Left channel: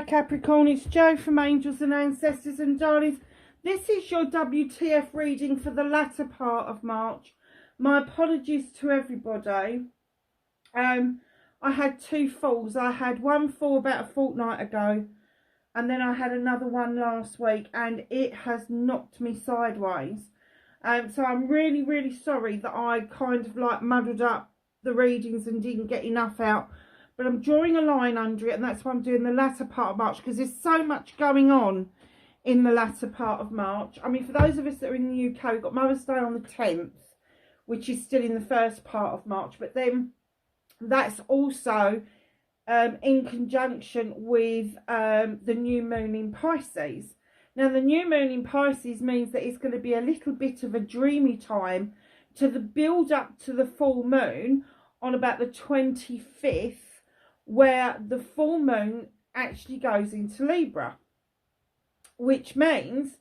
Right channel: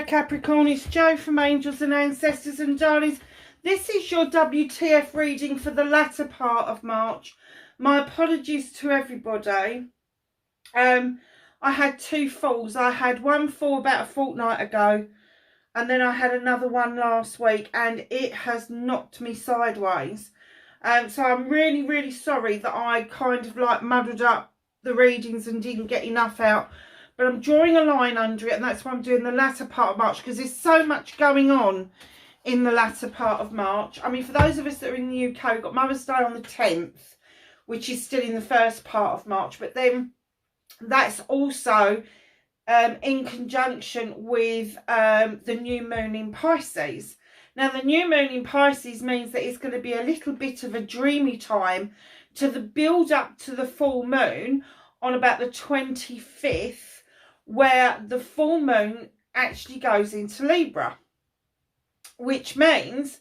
Hi Capricorn, it's Jo from Angels and Ancestors and Darlings. This is your WTF reading for the latter part of March. My apologies to everybody. I had two falls. I had one fall about a fortnight ago, and then I had another one last week, and it has knocked me sideways. So I'm really, really sorry that I kind of like muddled up the readings and didn't get enough out. But I'm drawing a line under it, and that's why I'm doing the latter part of March, because there's so much going on in the latter part of March. I mean, for those of us that are in the UK, we've got Mother's Day on the 10th, which is still in the first part of March. But then that's also in conjunction with the new moon in Pisces. Now, the new moon in Pisces means that it's going to be a little bit of a dreamy time to the build up to the full moon on about the 25th, where the full moon actually goes into Libra, which means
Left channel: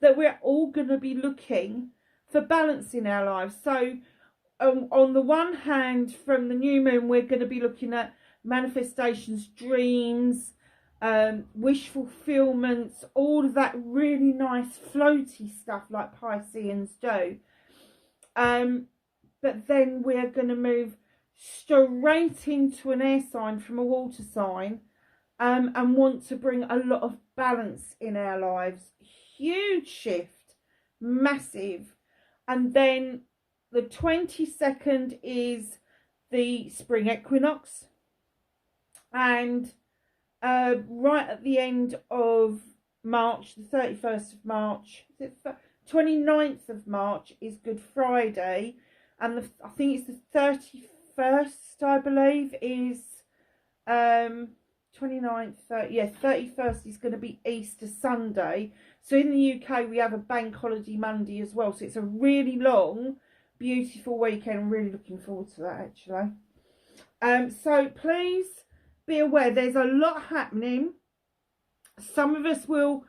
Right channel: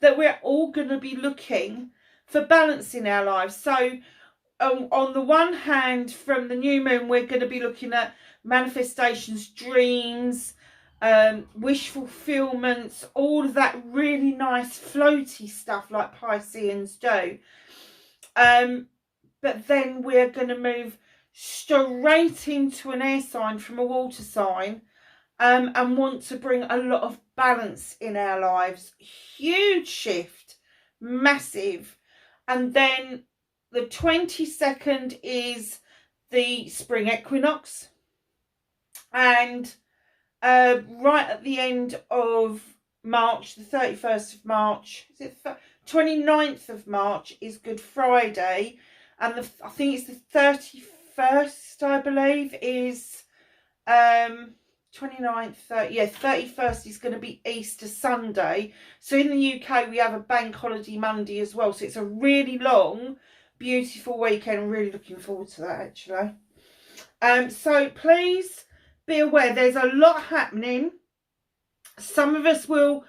that we're all going to be looking for balance in our lives. So on the one hand, from the new moon, we're going to be looking at manifestations, dreams, wish fulfillments, all of that really nice floaty stuff like Pisceans do. But then we're going to move straight into an air sign from a water sign, and want to bring a lot of balance in our lives. Huge shift, massive. And then the 22nd is the spring equinox, and right at the end of March, the 31st of March, is it 29th of March is Good Friday, and I think it's the 31st, I believe, is 29th, 30, yeah, 31st is going to be Easter Sunday. So in the UK we have a bank holiday Monday as well, so it's a really long, beautiful weekend. I'm really looking forward to that, actually. So please be aware, there's a lot happening. Some of us will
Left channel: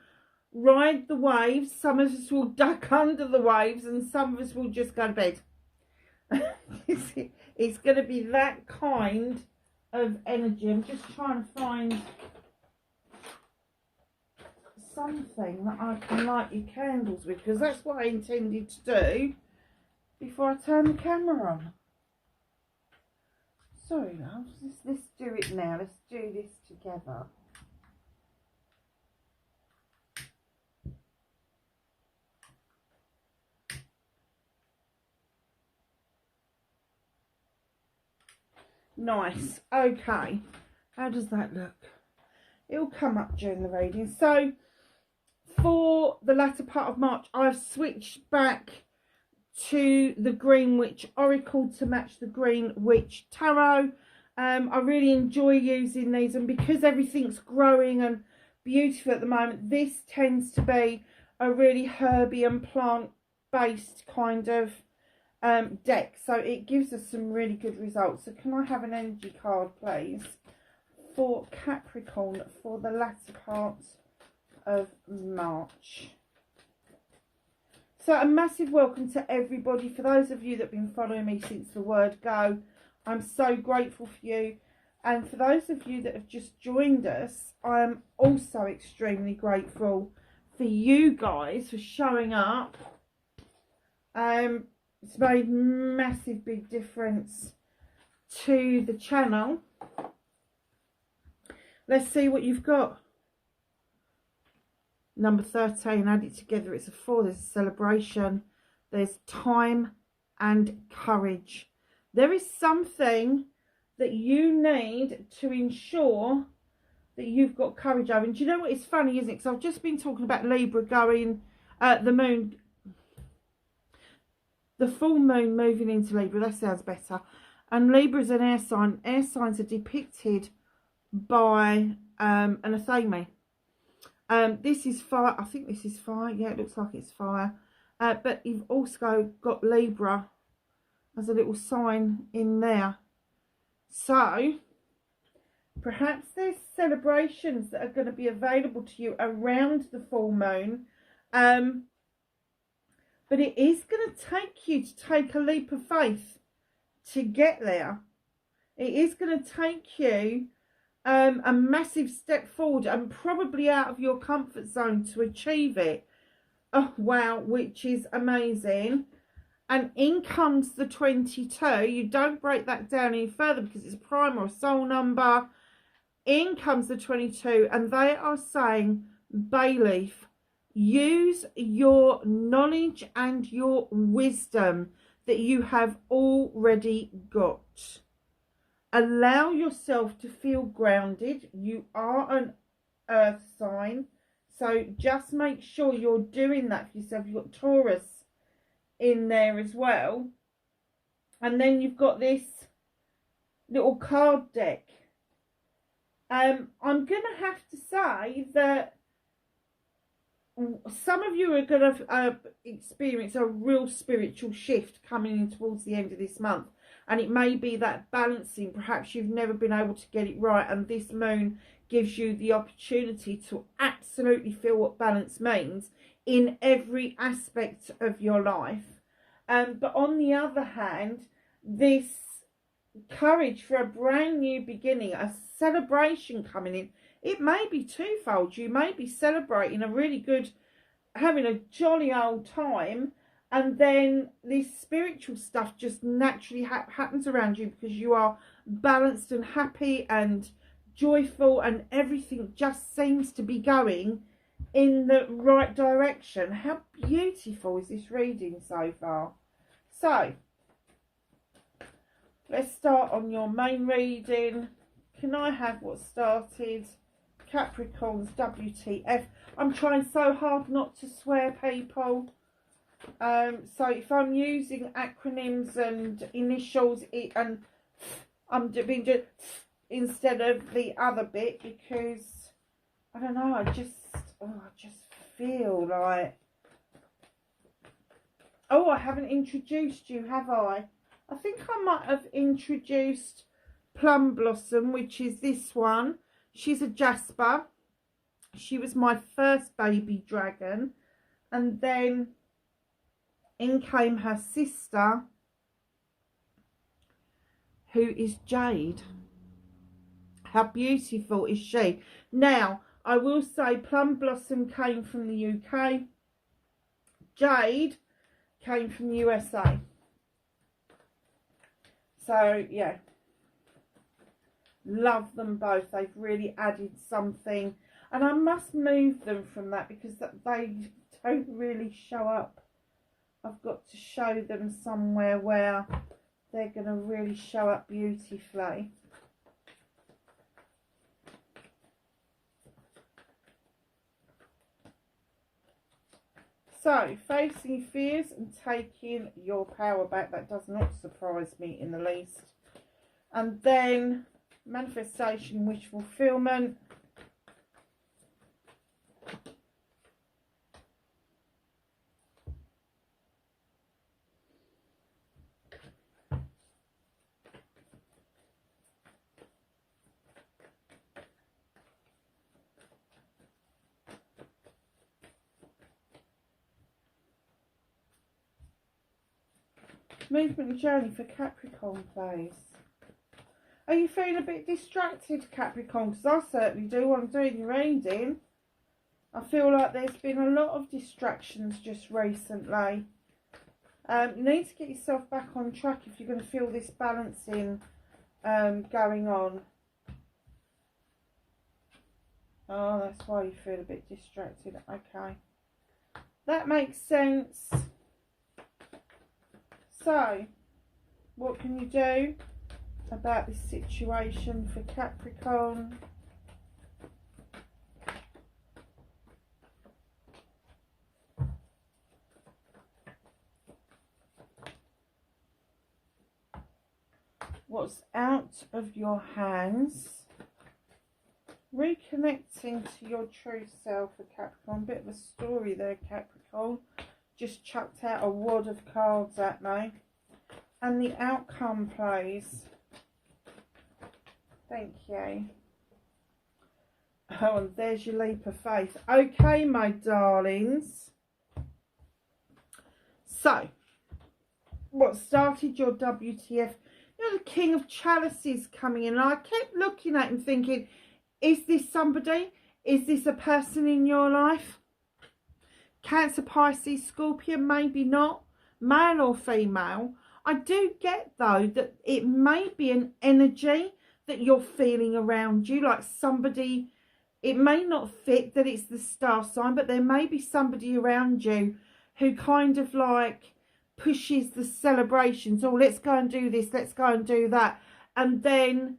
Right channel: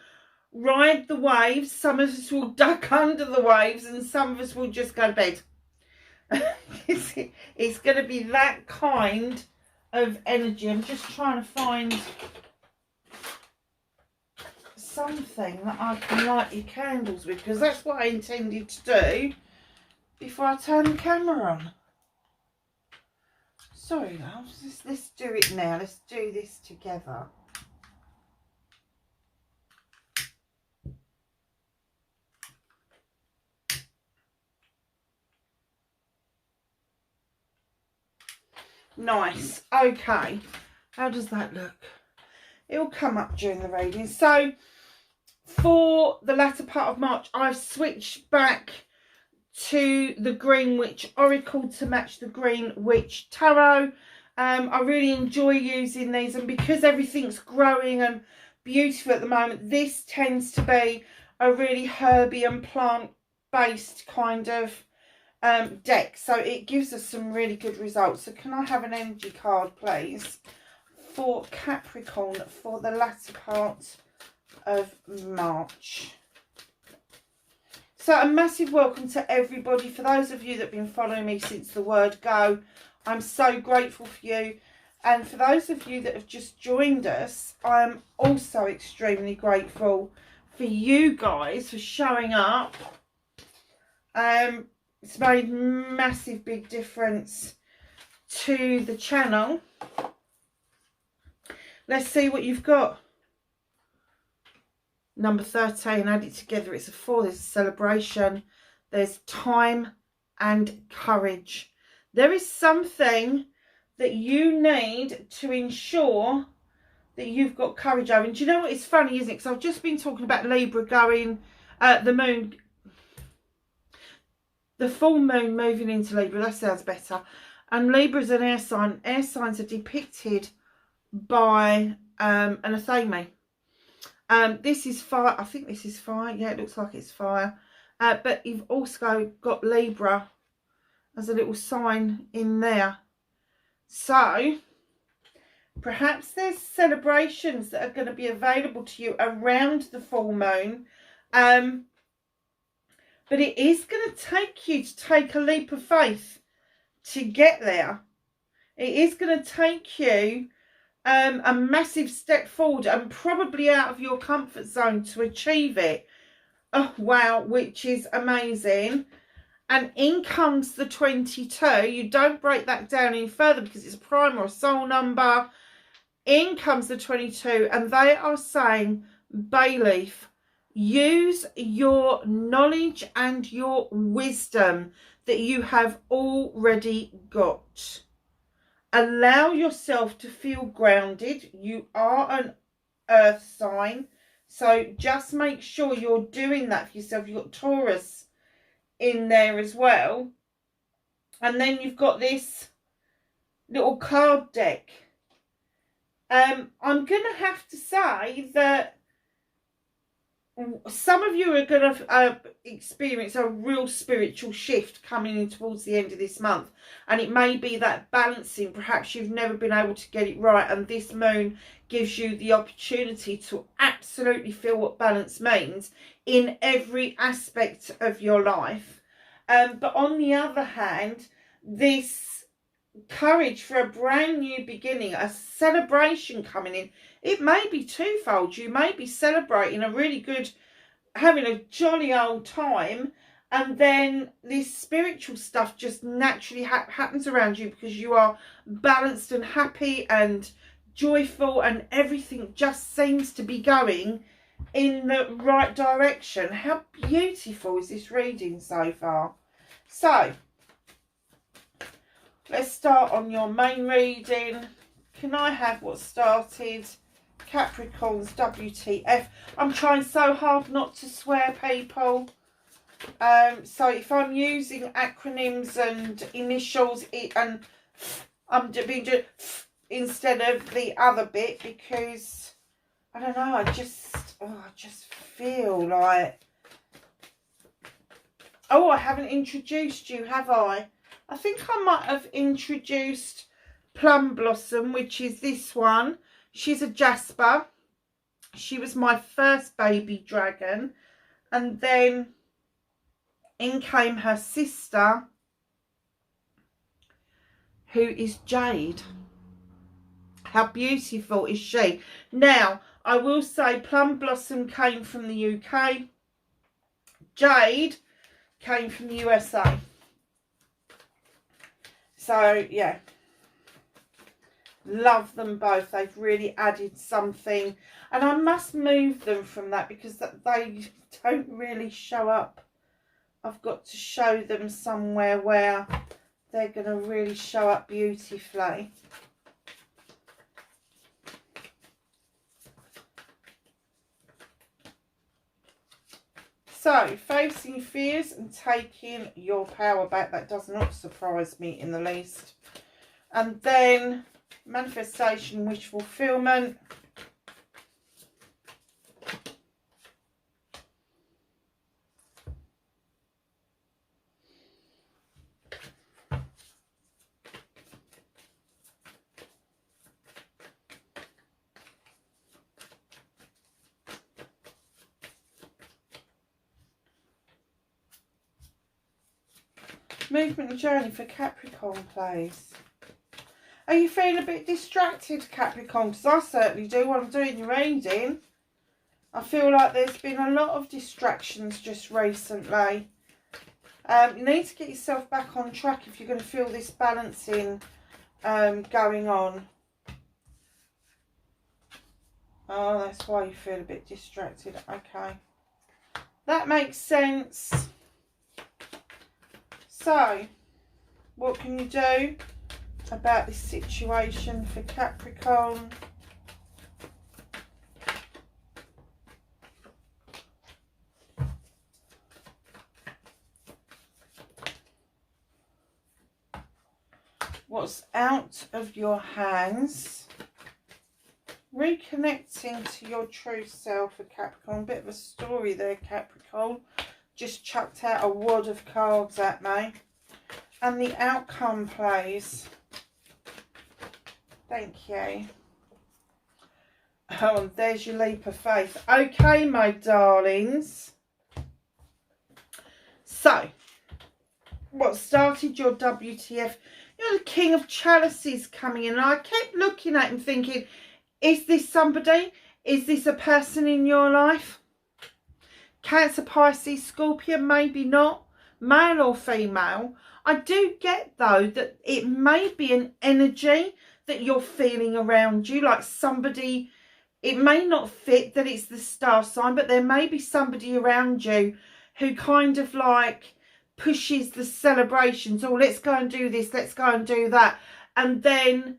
ride the waves, some of us will duck under the waves, and some of us will just go to bed. It's going to be that kind of energy. I'm just trying to find something that I can light your candles with, because that's what I intended to do before I turn the camera on. Sorry, loves. Let's do it now. Let's do this together. Nice. Okay. How does that look? It'll come up during the reading. So for the latter part of March, I've switched back to the Green Witch Oracle to match the Green Witch Tarot. I really enjoy using these, and because everything's growing and beautiful at the moment, this tends to be a really herby and plant based kind of deck, so it gives us some really good results. So can I have an energy card, please, for Capricorn for the latter part of March? So a massive welcome to everybody. For those of you that have been following me since the word go, I'm so grateful for you. And for those of you that have just joined us, I'm also extremely grateful for you guys for showing up. It's made massive big difference to the channel. Let's see what you've got. Number 13, add it together, it's a 4. There's a celebration, there's time and courage. There is something that you need to ensure that you've got courage over. And do you know what, it's funny, isn't it? Because I've just been talking about Libra going, the moon, the full moon moving into Libra. That sounds better. And Libra is an air sign. Air signs are depicted by an athame. This is fire. I think this is fire. Yeah, it looks like it's fire. But you've also got Libra as a little sign in there. So perhaps there's celebrations that are going to be available to you around the full moon. But it is going to take you to take a leap of faith to get there. It is going to take you a massive step forward and probably out of your comfort zone to achieve it. Oh, wow, which is amazing. And in comes the 22. You don't break that down any further because it's a prime or a soul number. In comes the 22, and they are saying, Bayleaf, use your knowledge and your wisdom that you have already got. Allow yourself to feel grounded. You are an earth sign, so just make sure you're doing that for yourself. You've got Taurus in there as well. And then you've got this little card deck. I'm going to have to say that some of you are going to experience a real spiritual shift coming in towards the end of this month. And it may be that balancing. Perhaps you've never been able to get it right. And this moon gives you the opportunity to absolutely feel what balance means in every aspect of your life. But on the other hand, this courage for a brand new beginning, a celebration coming in. It may be twofold. You may be celebrating a really good, having a jolly old time, and then this spiritual stuff just naturally happens around you because you are balanced and happy and joyful, and everything just seems to be going in the right direction. How beautiful is this reading so far? So let's start on your main reading. Can I have what started? Capricorn's WTF. I'm trying so hard not to swear, people. So if I'm using acronyms and initials, and I'm doing instead of the other bit, because I don't know, I just feel like, oh, I haven't introduced you, have I? I think I might have introduced Plum Blossom, which is this one. She's a Jasper. She was my first baby dragon. And then in came her sister, who is Jade. How beautiful is she? Now, I will say Plum Blossom came from the UK. Jade came from the USA. So, yeah. Love them both. They've really added something. And I must move them from that because they don't really show up. I've got to show them somewhere where they're going to really show up beautifully. So, facing fears and taking your power back. That does not surprise me in the least. And then manifestation, wish fulfillment. Movement and journey for Capricorn, please. Are you feeling a bit distracted, Capricorn? Because I certainly do when I'm doing your reading. I feel like there's been a lot of distractions just recently. You need to get yourself back on track if you're going to feel this balancing going on. Oh, that's why you feel a bit distracted. Okay. That makes sense. So, what can you do about this situation for Capricorn? What's out of your hands? Reconnecting to your true self for Capricorn. Bit of a story there, Capricorn. Just chucked out a wad of cards at me. And the outcome, please. Thank you. Oh, and there's your leap of faith. Okay, my darlings. So, what started your WTF? You know, the King of Chalices coming in. And I kept looking at him thinking, is this somebody? Is this a person in your life? Cancer, Pisces, Scorpio, maybe not. Male or female. I do get, though, that it may be an energy that you're feeling around you. Like somebody, it may not fit that it's the star sign, but there may be somebody around you who kind of like pushes the celebrations. Oh, let's go and do this. Let's go and do that. And then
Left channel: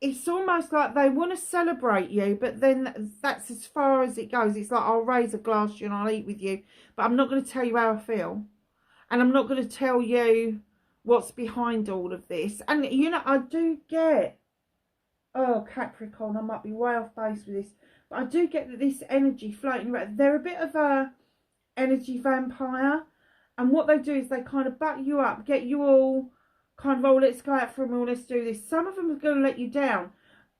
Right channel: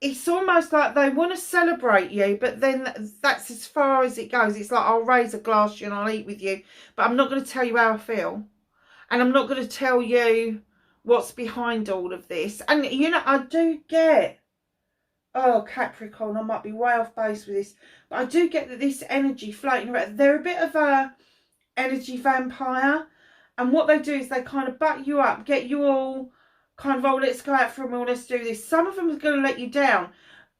it's almost like they want to celebrate you, but then that's as far as it goes. It's like, I'll raise a glass to you and I'll eat with you, but I'm not going to tell you how I feel. And I'm not going to tell you what's behind all of this. And, you know, I do get, oh, Capricorn, I might be way off base with this, but I do get that this energy floating around, they're a bit of a energy vampire. And what they do is they kind of butt you up, get you all kind of, oh, let's go out for a meal, let's do this. Some of them are going to let you down.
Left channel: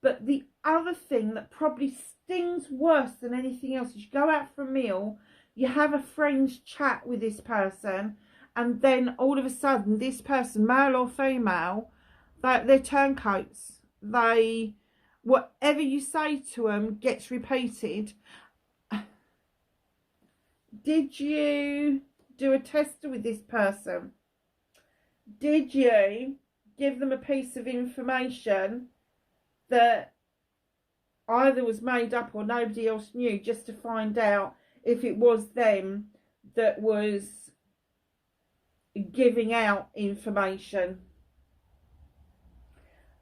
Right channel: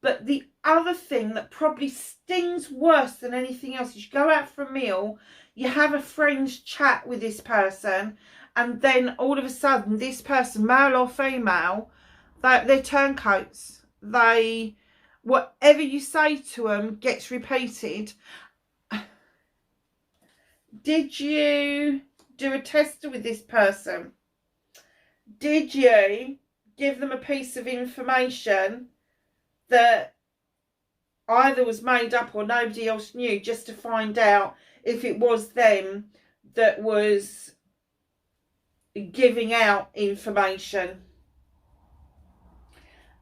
But the other thing that probably stings worse than anything else is you go out for a meal, you have a friend's chat with this person, and then all of a sudden this person, male or female, they're turncoats. They, whatever you say to them gets repeated. Did you do a tester with this person? Did you give them a piece of information that either was made up or nobody else knew, just to find out if it was them that was giving out information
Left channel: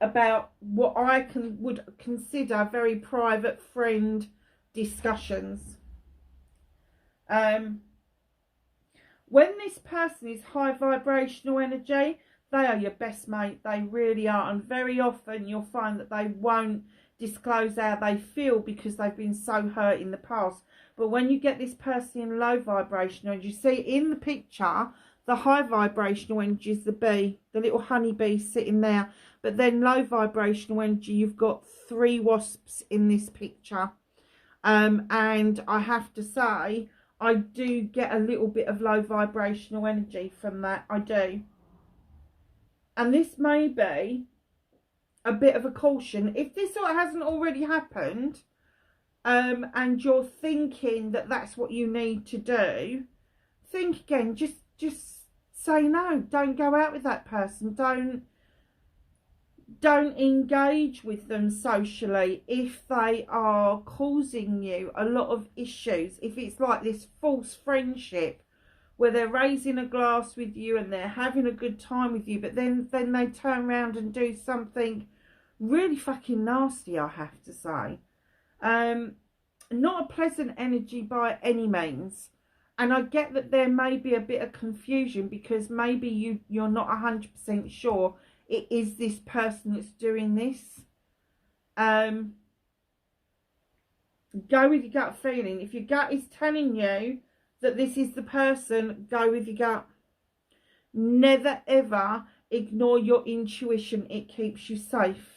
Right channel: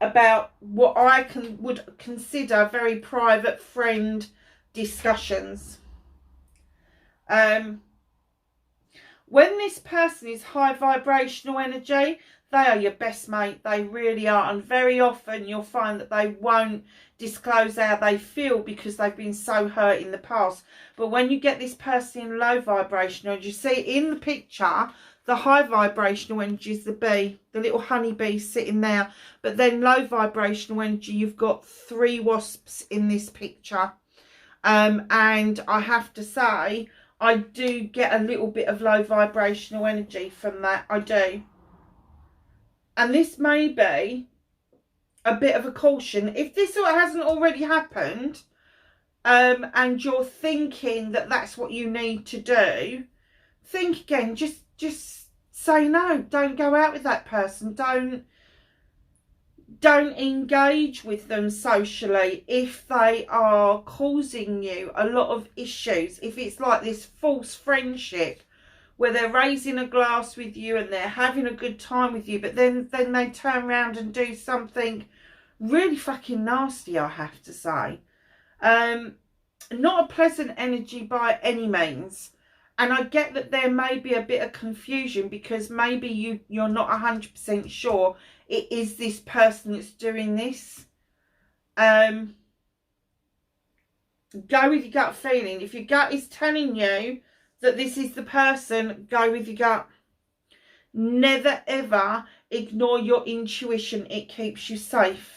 about what I would consider very private friend discussions? When this person is high vibrational energy, they are your best mate. They really are. And very often you'll find that they won't disclose how they feel because they've been so hurt in the past. But when you get this person in low vibrational, and you see in the picture, the high vibrational energy is the bee, the little honey bee sitting there. But then low vibrational energy, you've got 3 wasps in this picture. And I have to say, I do get a little bit of low vibrational energy from that. I do. And this may be a bit of a caution. If this hasn't already happened, and you're thinking that that's what you need to do, think again. Just say no. Don't go out with that person. Don't engage with them socially if they are causing you a lot of issues. If it's like this false friendship where they're raising a glass with you and they're having a good time with you, but then they turn around and do something really fucking nasty, I have to say. Not a pleasant energy by any means. And I get that there may be a bit of confusion because maybe you're not 100% sure it is this person that's doing this. Go with your gut feeling. If your gut is telling you that this is the person, go with your gut. Never ever ignore your intuition. It keeps you safe.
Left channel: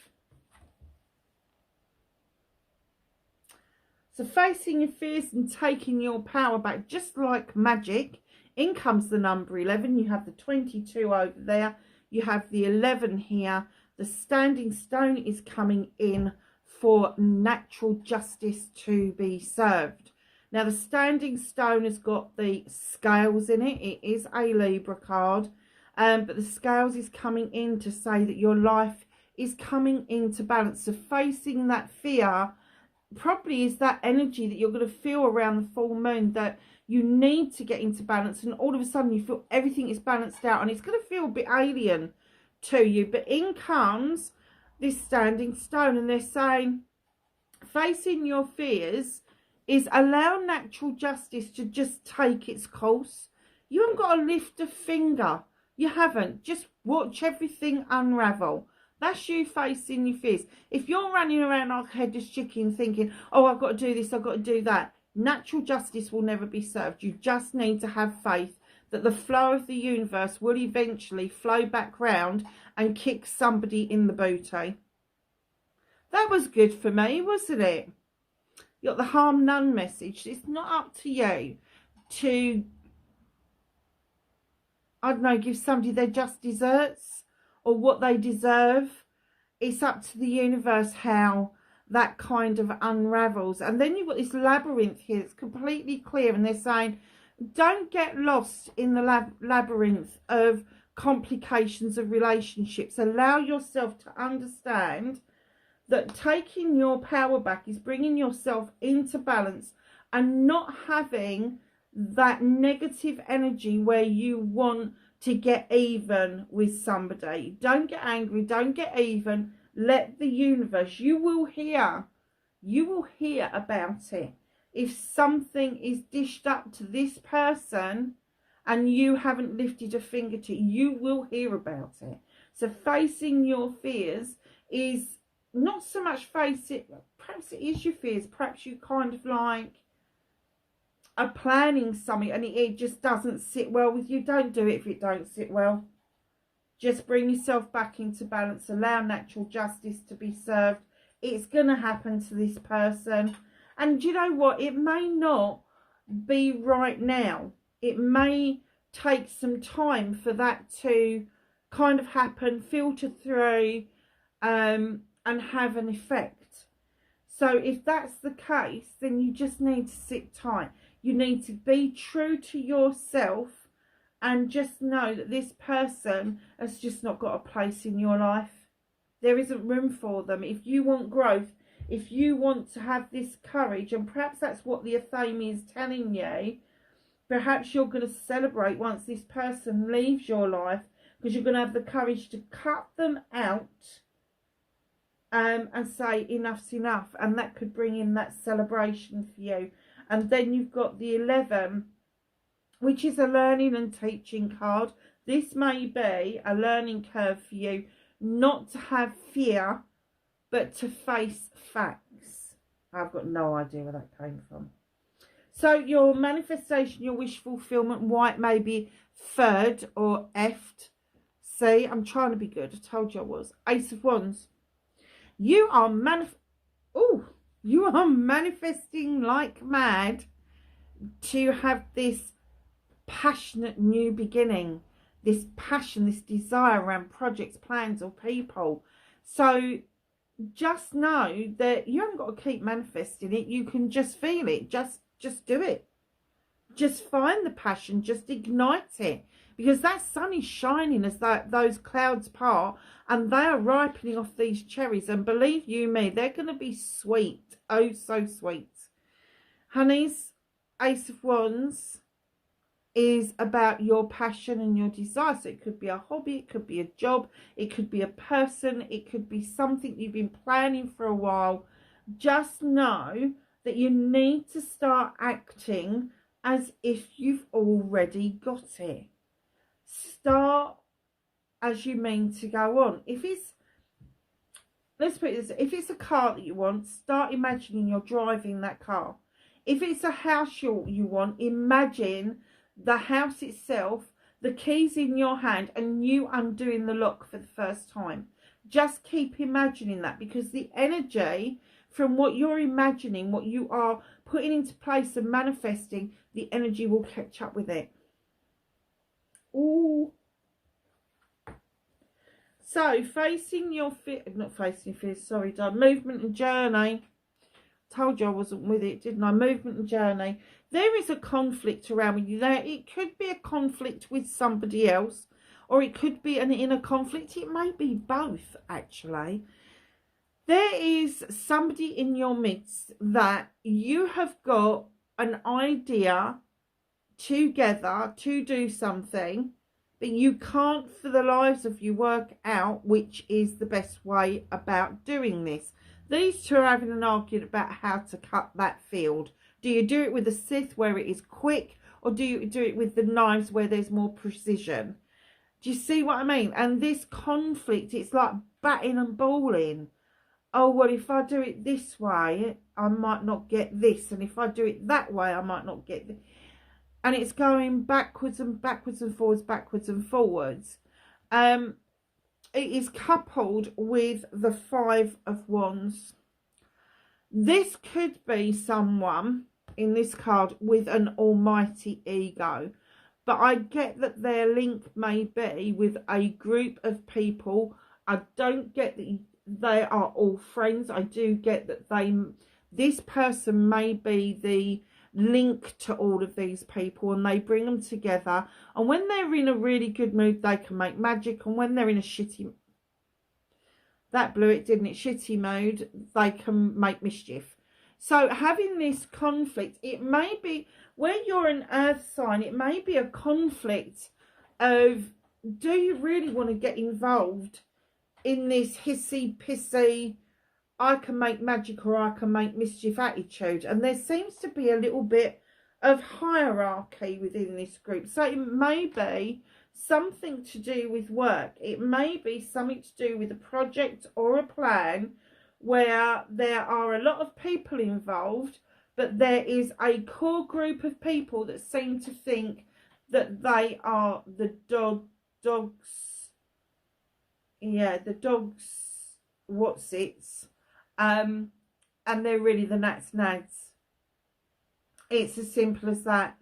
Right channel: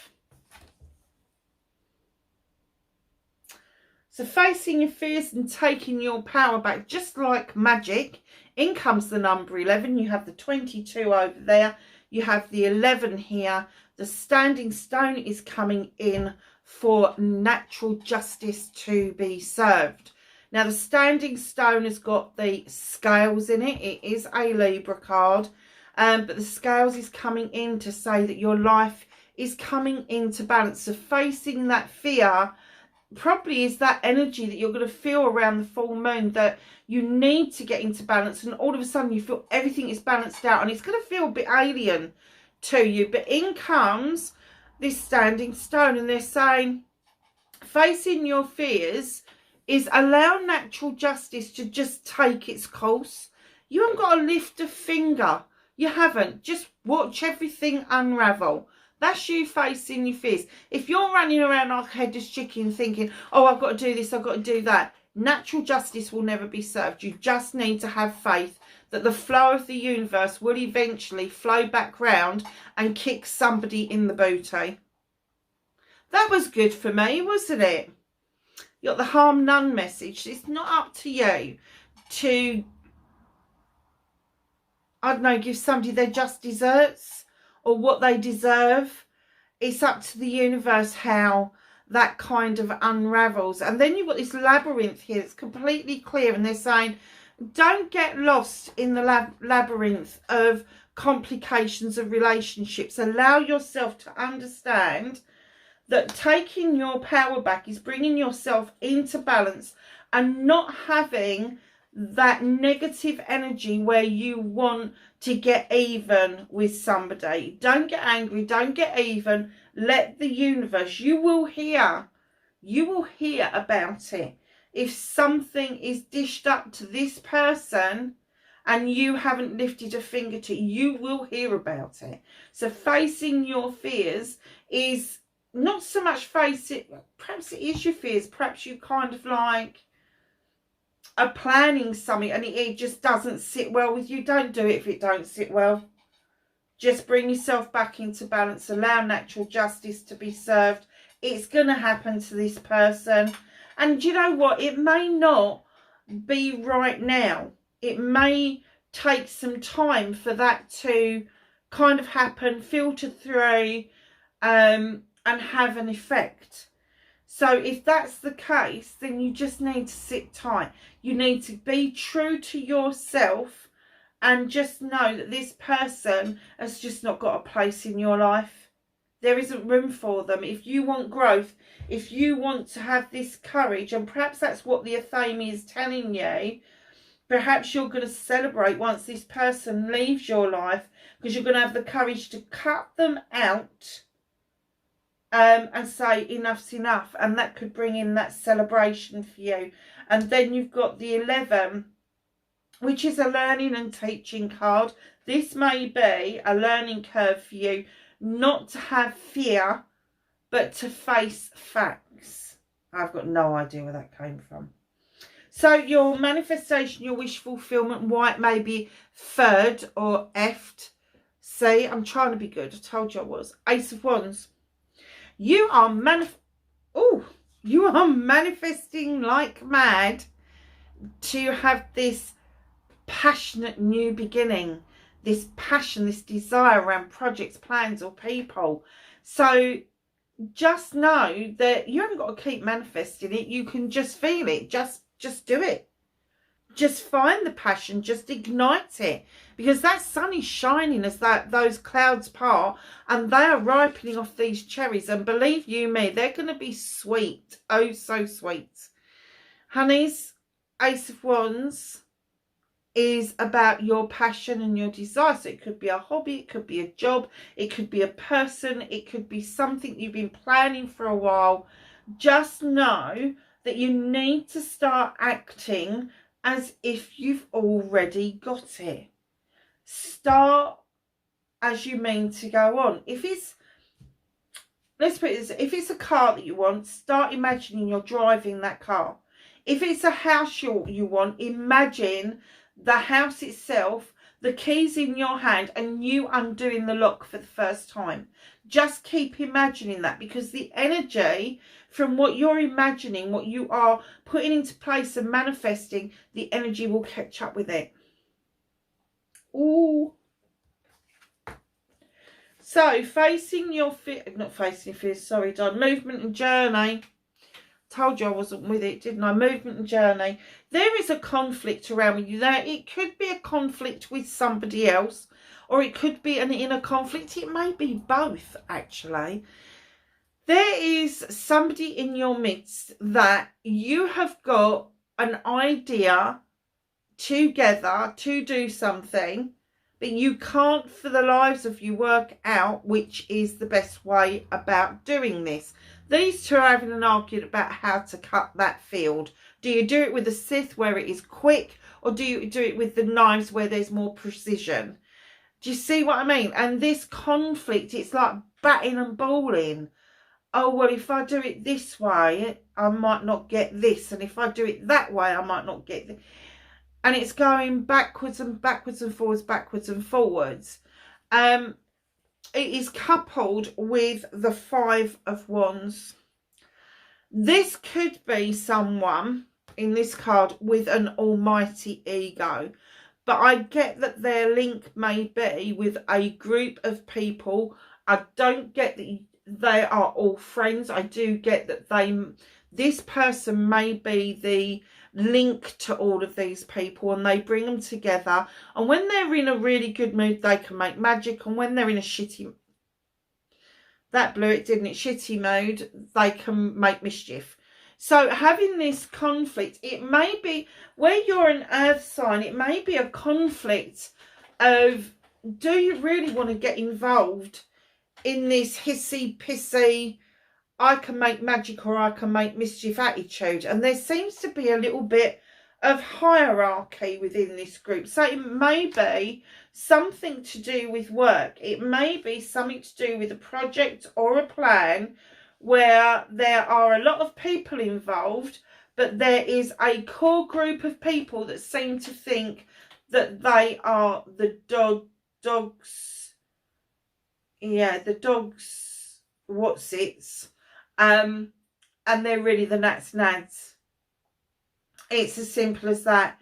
So facing your fears and taking your power back, just like magic. In comes the number 11. You have the 22 over there. You have the 11 here. The standing stone is coming in for natural justice to be served. Now, the standing stone has got the scales in it. It is a Libra card. But the scales is coming in to say that your life is coming into balance. So facing that fear probably is that energy that you're going to feel around the full moon, that you need to get into balance, and all of a sudden you feel everything is balanced out, and it's going to feel a bit alien to you. But in comes this standing stone, and they're saying facing your fears is allow natural justice to just take its course. You haven't got to lift a finger. You haven't. Just watch everything unravel. That's you facing your fears. If you're running around like a headless chicken thinking, oh, I've got to do this, I've got to do that, natural justice will never be served. You just need to have faith that the flow of the universe will eventually flow back round and kick somebody in the booty. That was good for me, wasn't it? You got the harm none message. It's not up to you to I don't know, give somebody their just desserts or what they deserve. It's up to the universe how that kind of unravels. And then you've got this labyrinth here. It's completely clear. And they're saying, don't get lost in the labyrinth of complications of relationships. Allow yourself to understand that taking your power back is bringing yourself into balance and not having that negative energy where you want to get even with somebody. Don't get angry, don't get even. Let the universe, you will hear about it. If something is dished up to this person and you haven't lifted a finger to it, you will hear about it. So facing your fears is not so much face it, perhaps it is your fears, perhaps you kind of like are planning something and it just doesn't sit well with you. Don't do it if it don't sit well. Just bring yourself back into balance. Allow natural justice to be served. It's going to happen to this person. And you know what? It may not be right now. It may take some time for that to kind of happen, filter through, and have an effect. So if that's the case, then you just need to sit tight. You need to be true to yourself and just know that this person has just not got a place in your life. There isn't room for them. If you want growth, if you want to have this courage, and perhaps that's what the Athame is telling you, perhaps you're going to celebrate once this person leaves your life, because you're going to have the courage to cut them out and say enough's enough, and that could bring in that celebration for you. And then you've got the 11, which is a learning and teaching card. This may be a learning curve for you, not to have fear, but to face facts. I've got no idea where that came from. So your manifestation, your wish fulfillment, white may be third or effed. See, I'm trying to be good. I told you I was. Ace of Wands. You are manifesting like mad to have this passionate new beginning, this passion, this desire around projects, plans or people. So just know that you haven't got to keep manifesting it. You can just feel it. Just do it. Just find the passion, just ignite it, because that sun is shining as those clouds part, and they are ripening off these cherries, and believe you me, they're going to be sweet. Oh, so sweet. Honeys, Ace of Wands is about your passion and your desire. So it could be a hobby, it could be a job, it could be a person, it could be something you've been planning for a while. Just know that you need to start acting as if you've already got it. Start as you mean to go on. If it's, let's put it this, if it's a car that you want, start imagining you're driving that car. If it's a house you want, imagine the house itself, the keys in your hand, and you undoing the lock for the first time. Just keep imagining that, because the energy from what you're imagining, what you are putting into place and manifesting, the energy will catch up with it. Ooh. So facing your fear, not facing your fears, sorry, Don. Movement and journey. Told you I wasn't with it, didn't I? Movement and journey. There is a conflict around you there. It could be a conflict with somebody else, or it could be an inner conflict. It may be both, actually. There is somebody in your midst that you have got an idea together to do something, but you can't for the lives of you work out which is the best way about doing this. These two are having an argument about how to cut that field. Do you do it with the scythe where it is quick, or do you do it with the knives where there's more precision? Do you see what I mean? And this conflict, it's like batting and balling. Oh, well, if I do it this way, I might not get this. And if I do it that way, I might not get this. And it's going backwards and backwards and forwards, backwards and forwards. It is coupled with the 5 of Wands. This could be someone in this card with an almighty ego. But I get that their link may be with a group of people. I don't get that they are all friends. I do get that this person may be the link to all of these people, and they bring them together. And when they're in a really good mood, they can make magic. And when they're in a shitty, that blew it, didn't it? Shitty mood, they can make mischief. So having this conflict, it may be, where you're an earth sign, it may be a conflict of, do you really want to get involved in this hissy pissy, I can make magic or I can make mischief attitude? And there seems to be a little bit of hierarchy within this group. So it may be something to do with work. It may be something to do with a project or a plan where there are a lot of people involved, but there is a core group of people that seem to think that they are the dogs, what's-its, and they're really the nads. It's as simple as that.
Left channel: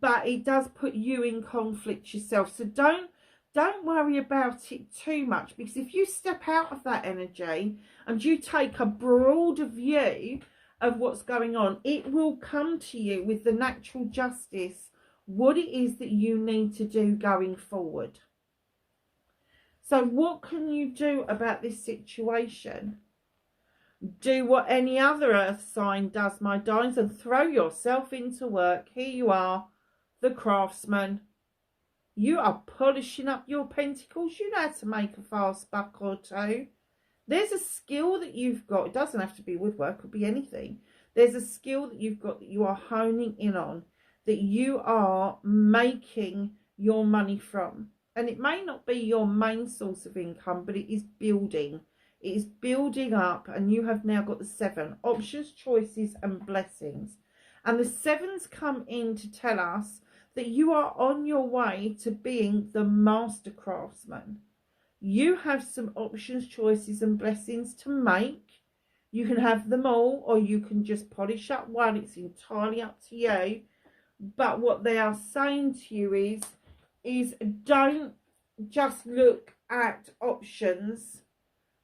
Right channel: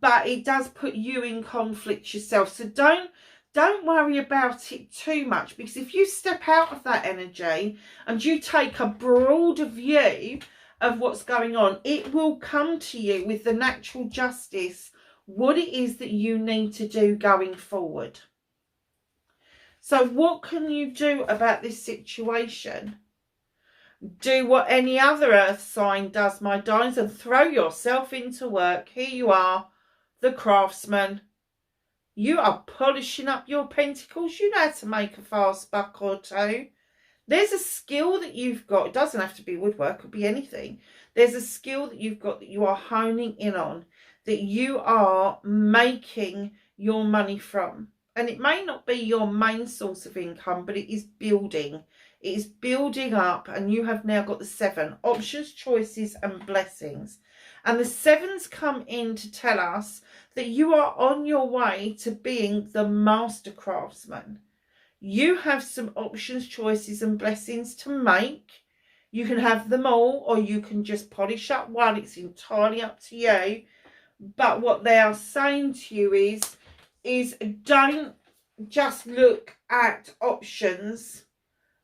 But it does put you in conflict yourself. So don't worry about it too much, because if you step out of that energy and you take a broader view of what's going on, it will come to you with the natural justice what it is that you need to do going forward. So what can you do about this situation? Do what any other earth sign does, my darlings, and throw yourself into work. Here you are, the craftsman. You are polishing up your pentacles. You know how to make a fast buck or two. There's a skill that you've got. It doesn't have to be woodwork. It could be anything. There's a skill that you've got that you are honing in on, that you are making your money from. And it may not be your main source of income, but it is building. It is building up, and you have now got the 7 options, choices, and blessings. And the 7s come in to tell us that you are on your way to being the master craftsman. You have some options, choices, and blessings to make. You can have them all, or you can just polish up one. It's entirely up to you. But what they are saying to you is don't just look at options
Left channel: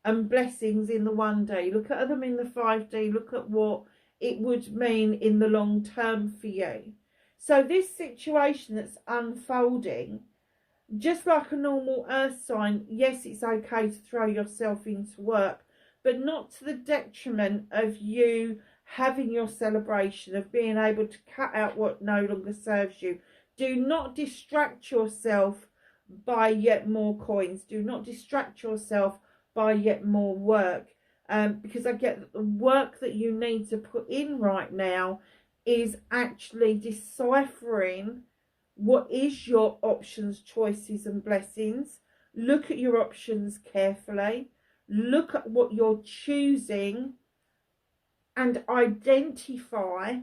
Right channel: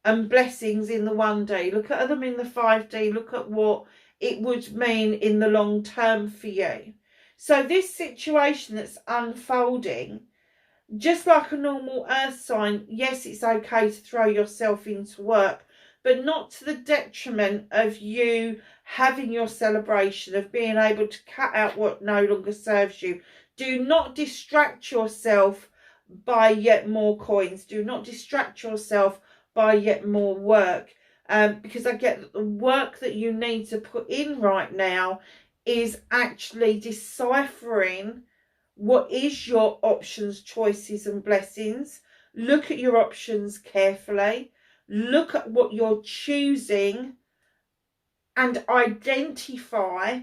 and blessings in the 1D. Look at them in the 5D. Look at what it would mean in the long term for you. So this situation that's unfolding, just like a normal earth sign, yes, it's okay to throw yourself into work, but not to the detriment of you having your celebration, of being able to cut out what no longer serves you. Do not distract yourself by yet more coins. Do not distract yourself by yet more work, because I get that the work that you need to put in right now is actually deciphering what is your options, choices, and blessings. Look at your options carefully. Look at what you're choosing and identify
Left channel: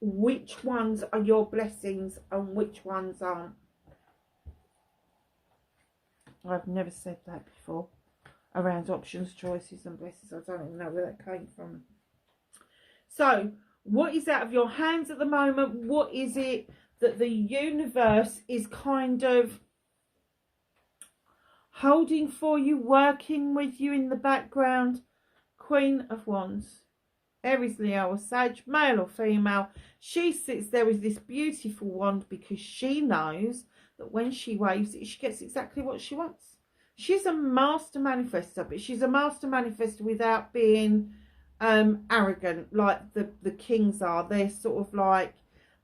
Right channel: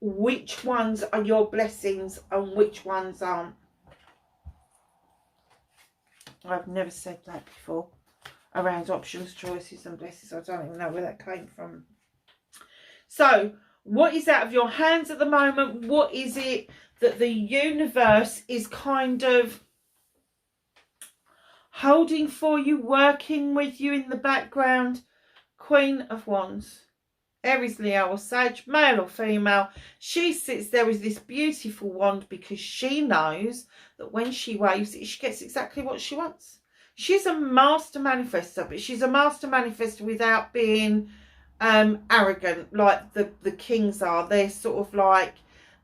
which ones are your blessings and which ones aren't. I've never said that before around options, choices, and blessings. I don't even know where that came from. So what is out of your hands at the moment? What is it that the universe is kind of holding for you, working with you in the background? Queen of Wands, Aries, Leo, or Sag, male or female. She sits there with this beautiful wand because she knows that when she waves it, she gets exactly what she wants. She's a master manifester, but she's a master manifester without being arrogant like the kings are. They're sort of like,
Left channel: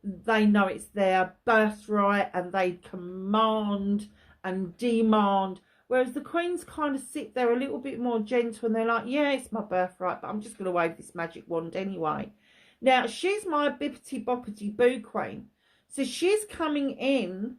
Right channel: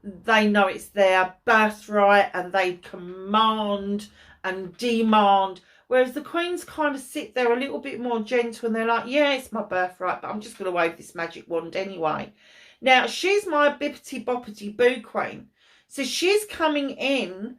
they know it's their birthright and they command and demand, whereas the queens kind of sit there a little bit more gentle, and they're like, yeah, it's my birthright, but I'm just going to wave this magic wand anyway. Now, she's my bippity boppity boo queen, so she's coming in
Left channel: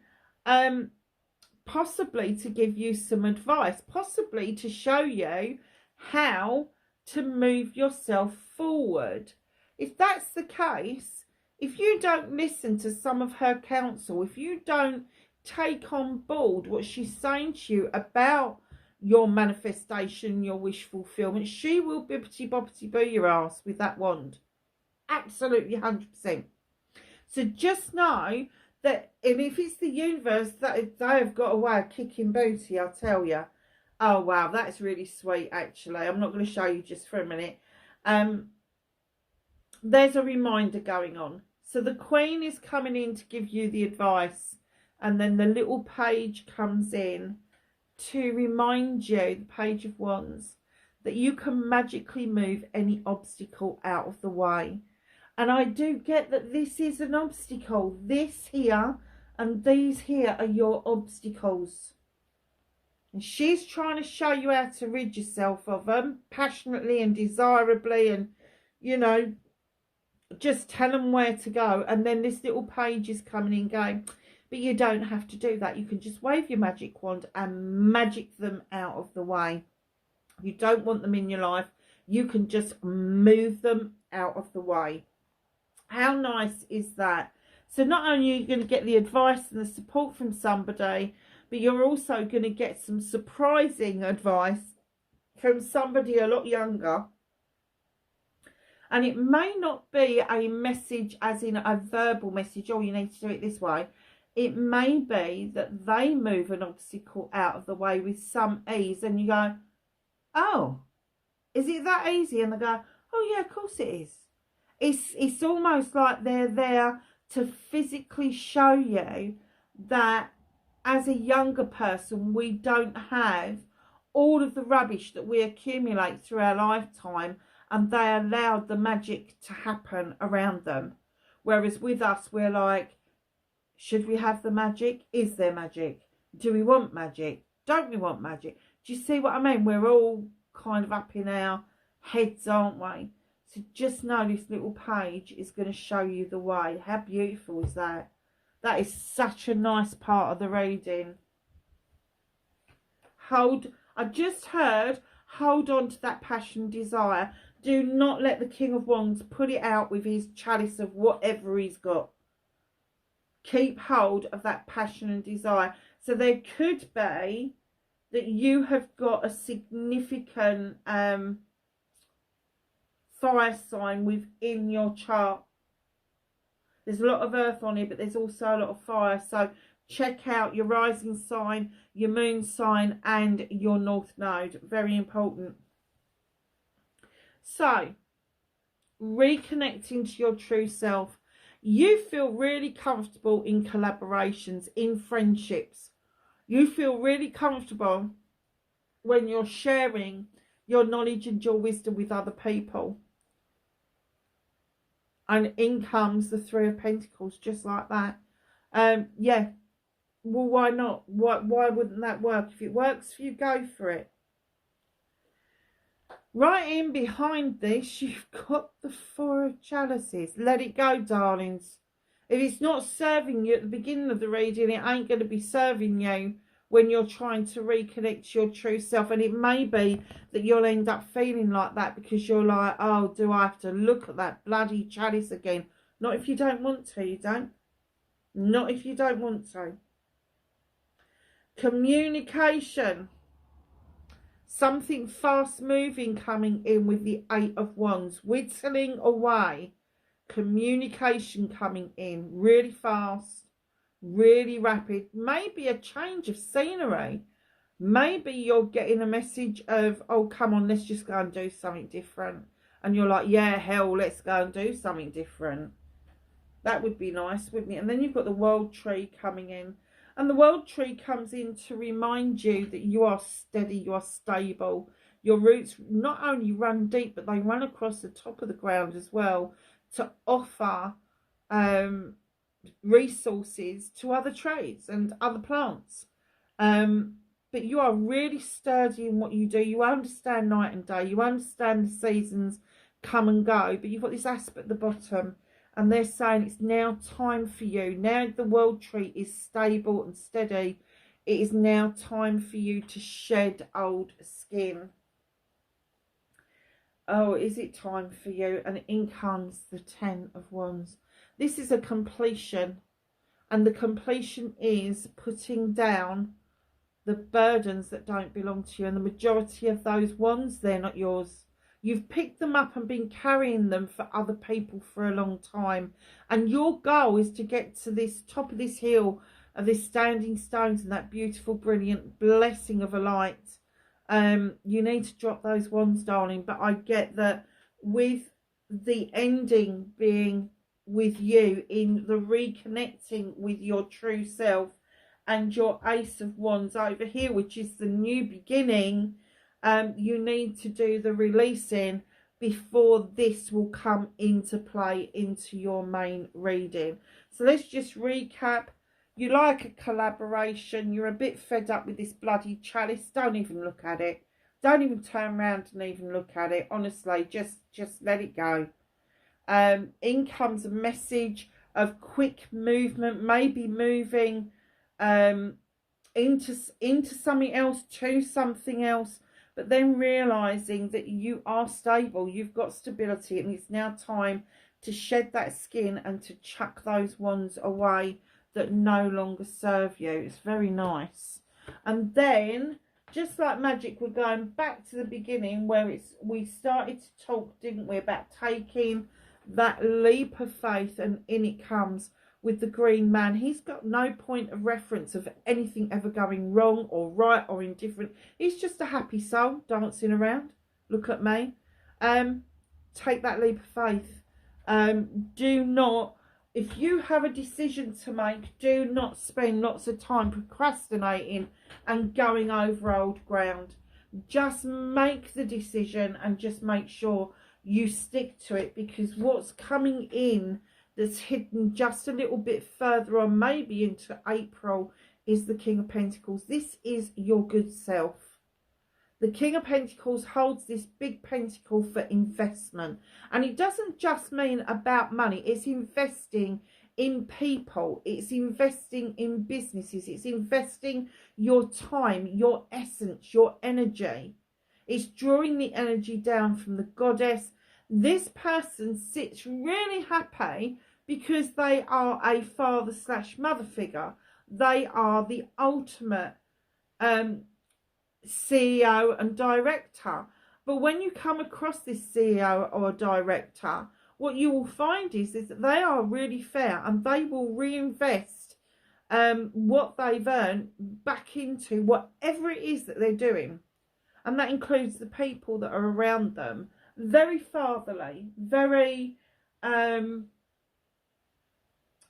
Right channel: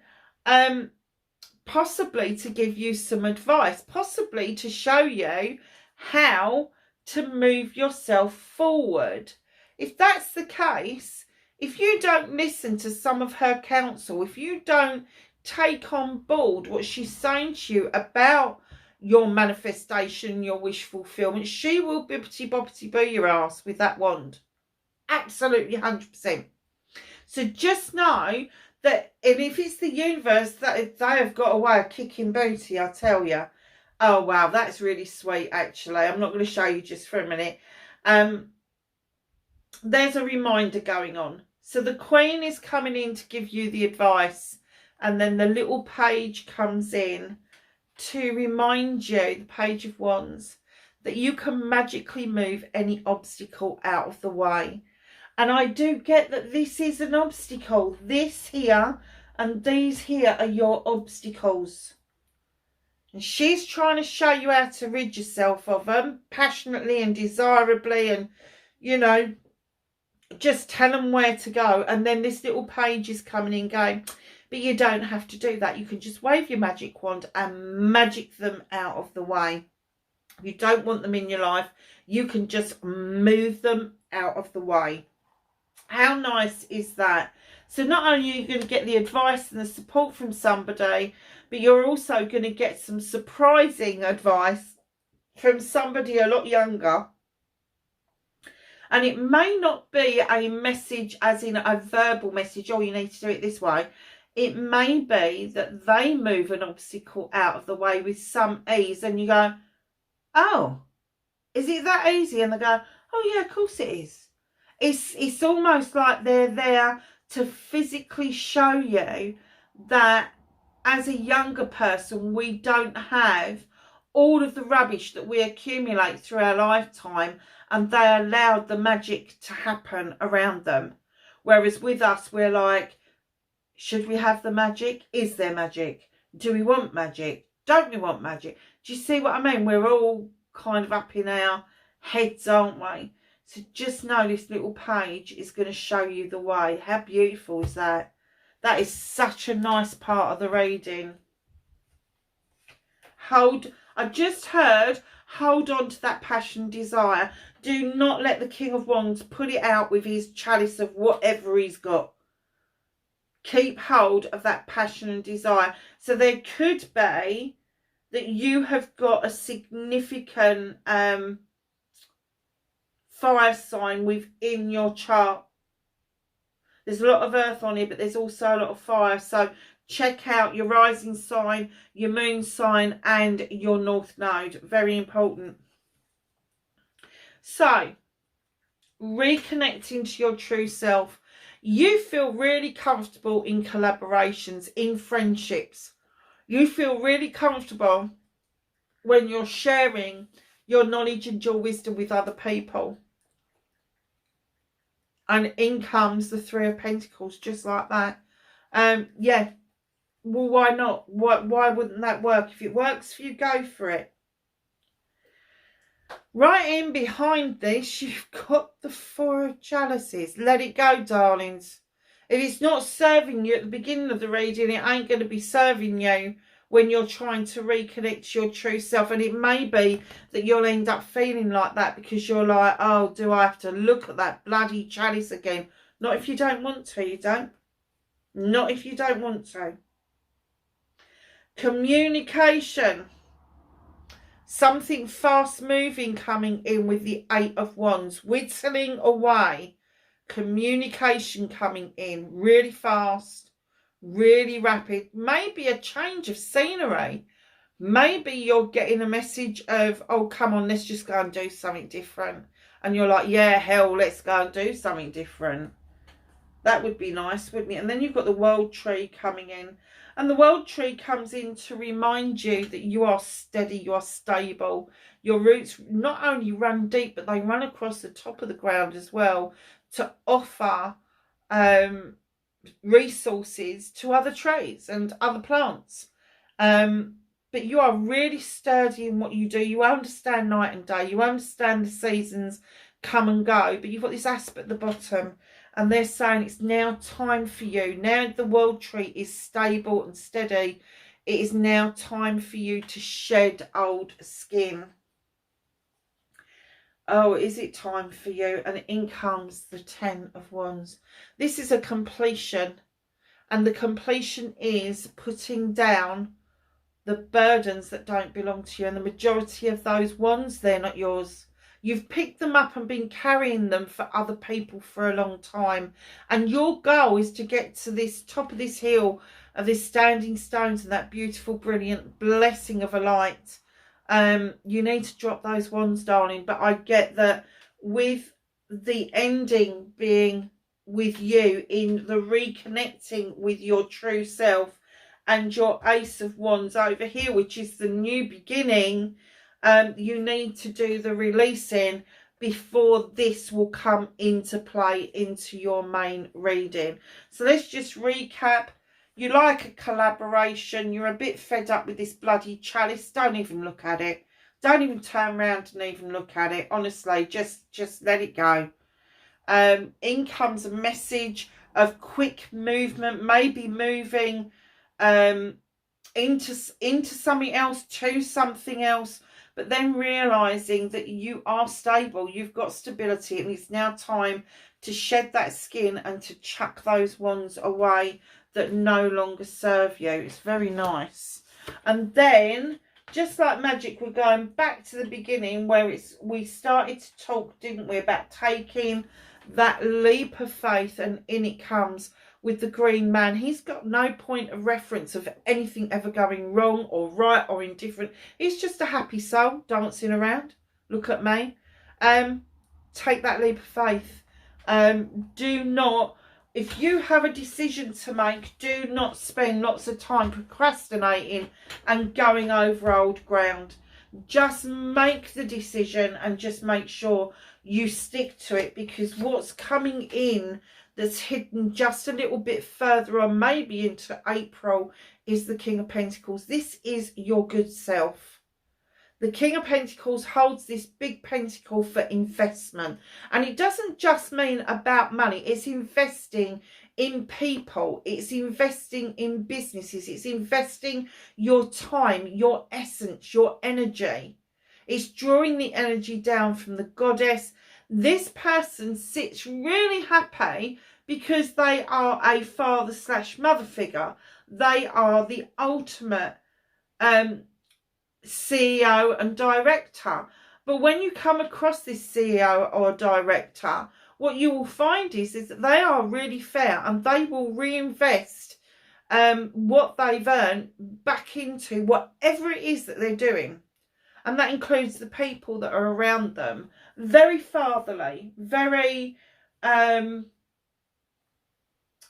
possibly to give you some advice, possibly to show you how to move yourself forward. If that's the case, if you don't listen to some of her counsel, if you don't take on board what she's saying to you about your manifestation, your wish fulfillment, she will bippity boppity boo your ass with that wand. Absolutely 100%. So just know and if it's the universe, that they have got a way of kicking booty, I tell you. Oh wow, that's really sweet. Actually, I'm not going to show you just for a minute. There's a reminder going on. So the Queen is coming in to give you the advice, and then the little page comes in to remind you, the Page of Wands, that you can magically move any obstacle out of the way. And I do get that this is an obstacle. This here and these here are your obstacles. And she's trying to show you how to rid yourself of them passionately and desirably, and, you know, just tell them where to go. And then this little page is coming in going, but you don't have to do that. You can just wave your magic wand and magic them out of the way. If you don't want them in your life, you can just move them out of the way. How nice is that? So not only are you going to get the advice and the support from somebody, but you're also going to get some surprising advice from somebody a lot younger. And it may not be a message as in a verbal message, oh, you need to do it this way. It may be that they move an obstacle out of the way with some ease, and you go, oh, is it that easy? And they go, oh yeah, of course it is. It's almost like they're there to physically show you that as a younger person, we don't have all of the rubbish that we accumulate through our lifetime, and they allowed the magic to happen around them. Whereas with us, we're like, should we have the magic? Is there magic? Do we want magic? Don't we want magic? Do you see what I mean? We're all kind of up in our heads, aren't we? So just know this little page is going to show you the way. How beautiful is that? That is such a nice part of the reading. I just heard, hold on to that passion and desire. Do not let the King of Wands put it out with his chalice of whatever he's got. Keep hold of that passion and desire. So there could be that you have got a significant fire sign within your chart. There's a lot of earth on here, but there's also a lot of fire. So check out your rising sign, your moon sign, and your north node. Very important. So, reconnecting to your true self. You feel really comfortable in collaborations, in friendships. You feel really comfortable when you're sharing your knowledge and your wisdom with other people. And in comes the Three of Pentacles, just like that. Yeah, well, why not? Why wouldn't that work? If it works for you, go for it. Right in behind this, you've got the Four of Chalices. Let it go, darlings. If it's not serving you at the beginning of the reading, it ain't going to be serving you when you're trying to reconnect to your true self. And it may be that you'll end up feeling like that because you're like, oh, do I have to look at that bloody chalice again? Not if you don't want to, you don't. Not if you don't want to. Communication. Something fast moving coming in with the Eight of Wands. Whittling away. Communication coming in really fast, really rapid. Maybe a change of scenery. Maybe you're getting a message of, oh, come on, let's just go and do something different. And you're like, yeah, hell, let's go and do something different. That would be nice, wouldn't it? And then you've got the World Tree coming in. And the World Tree comes in to remind you that you are steady, you are stable. Your roots not only run deep, but they run across the top of the ground as well to offer resources to other trees and other plants. But you are really sturdy in what you do. You understand night and day. You understand the seasons come and go. But you've got this aspect at the bottom. And they're saying it's now time for you. Now the World Tree is stable and steady. It is now time for you to shed old skin. Oh, is it time for you? And in comes the Ten of Wands. This is a completion. And the completion is putting down the burdens that don't belong to you. And the majority of those wands, they're not yours. You've picked them up and been carrying them for other people for a long time. And your goal is to get to this top of this hill of this standing stones and that beautiful, brilliant blessing of a light. You need to drop those wands, darling. But I get that with the ending being with you in the reconnecting with your true self, and your Ace of Wands over here, which is the new beginning, you need to do the releasing before this will come into play into your main reading. So let's just recap. You like a collaboration. You're a bit fed up with this bloody chalice. Don't even look at it. Don't even turn around and even look at it. Honestly, just let it go. In comes a message of quick movement, maybe moving into something else, to something else, but then realizing that you are stable, you've got stability, and it's now time to shed that skin and to chuck those wands away that no longer serve you. It's very nice. And then, just like magic, we're going back to the beginning where we started to talk, didn't we, about taking that leap of faith, and in it comes with the green man. He's got no point of reference of anything ever going wrong or right or indifferent. He's just a happy soul dancing around. Look at me. Take that leap of faith. Do not, if you have a decision to make, do not spend lots of time procrastinating and going over old ground. Just make the decision and just make sure you stick to it, because what's coming in that's hidden just a little bit further on, maybe into April, is the King of Pentacles. This is your good self. The King of Pentacles holds this big pentacle for investment. And it doesn't just mean about money. It's investing in people. It's investing in businesses. It's investing your time, your essence, your energy. It's drawing the energy down from the goddess. This person sits really happy because they are a father/mother figure. They are the ultimate CEO and director. But when you come across this CEO or director, what you will find is that they are really fair, and they will reinvest what they've earned back into whatever it is that they're doing. And that includes the people that are around them. Very fatherly, very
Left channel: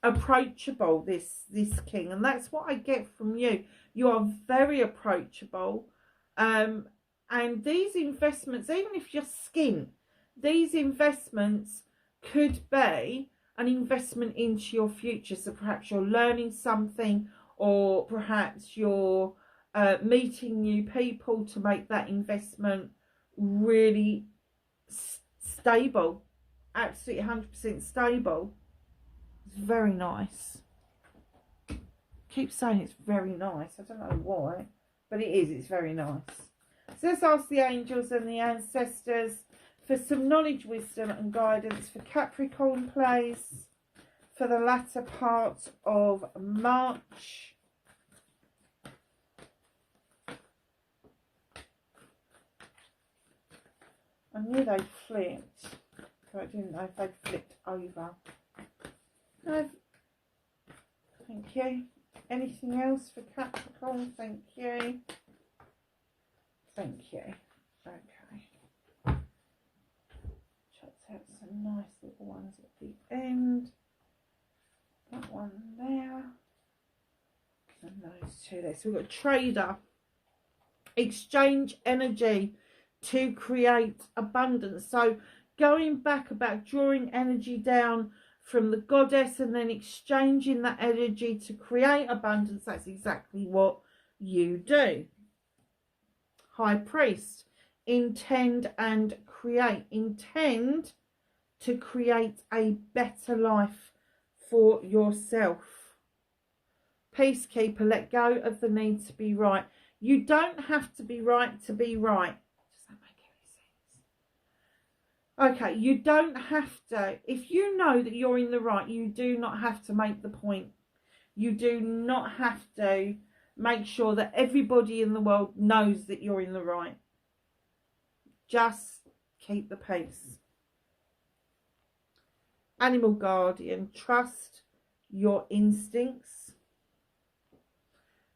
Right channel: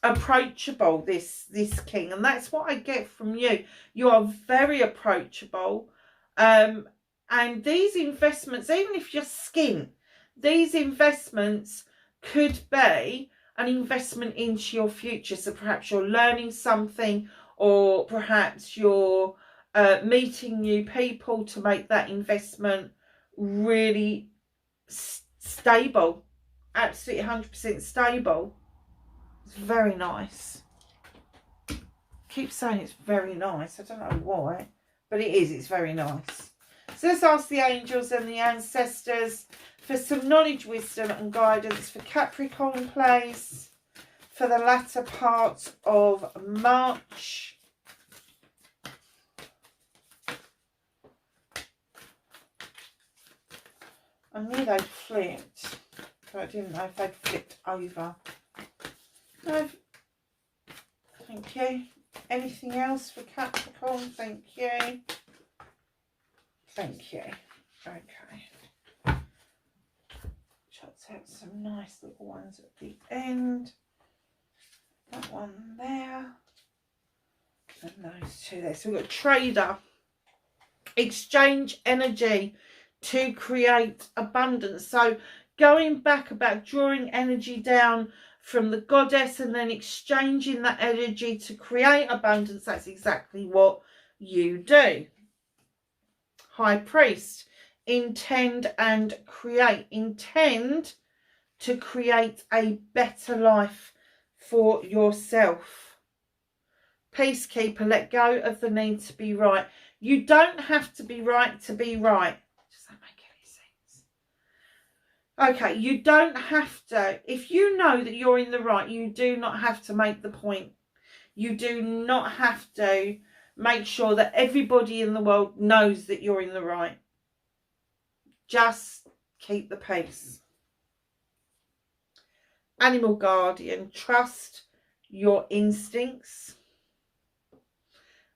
approachable, this king. And that's what I get from you. You are very approachable. And these investments, even if you're skint, these investments could be an investment into your future. So perhaps you're learning something, or perhaps you're meeting new people to make that investment really stable, absolutely 100% stable. It's very nice. I keep saying it's very nice. I don't know why, but it is. It's very nice. So let's ask the angels and the ancestors for some knowledge, wisdom and guidance for Capricorn, please, for the latter part of March. I knew they'd flipped, but I didn't know if they'd flipped over. No. Thank you. Anything else for Capricorn? Thank you. Thank you. Okay. Chucked out some nice little ones at the end. That one there. And those two there. So we've got trader. Exchange energy to create abundance. So going back about drawing energy down from the goddess and then exchanging that energy to create abundance. That's exactly what you do. High priest. Intend and create. Intend to create a better life for yourself. Peacekeeper. Let go of the need to be right. You don't have to be right to be right. Does that make any sense? Okay, you don't have to. If you know that you're in the right, you do not have to make the point. You do not have to make sure that everybody in the world knows that you're in the right. Just keep the peace. Animal guardian, trust your instincts.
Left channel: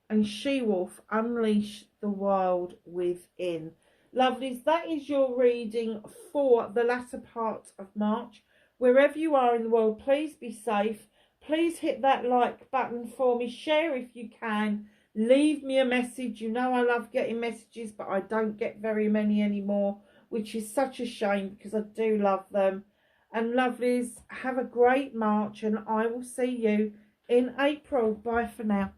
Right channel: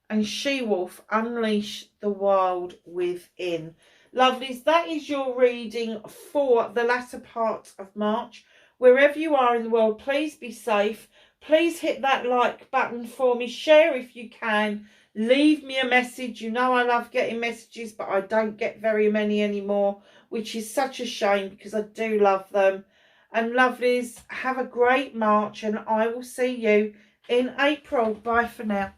And she-wolf, unleash the wild within. Lovelies, that is your reading for the latter part of March. Wherever you are in the world, please be safe. Please hit that like button for me. Share if you can. Leave me a message. You know I love getting messages, but I don't get very many anymore, which is such a shame because I do love them. And lovelies, have a great March, and I will see you in April. Bye for now.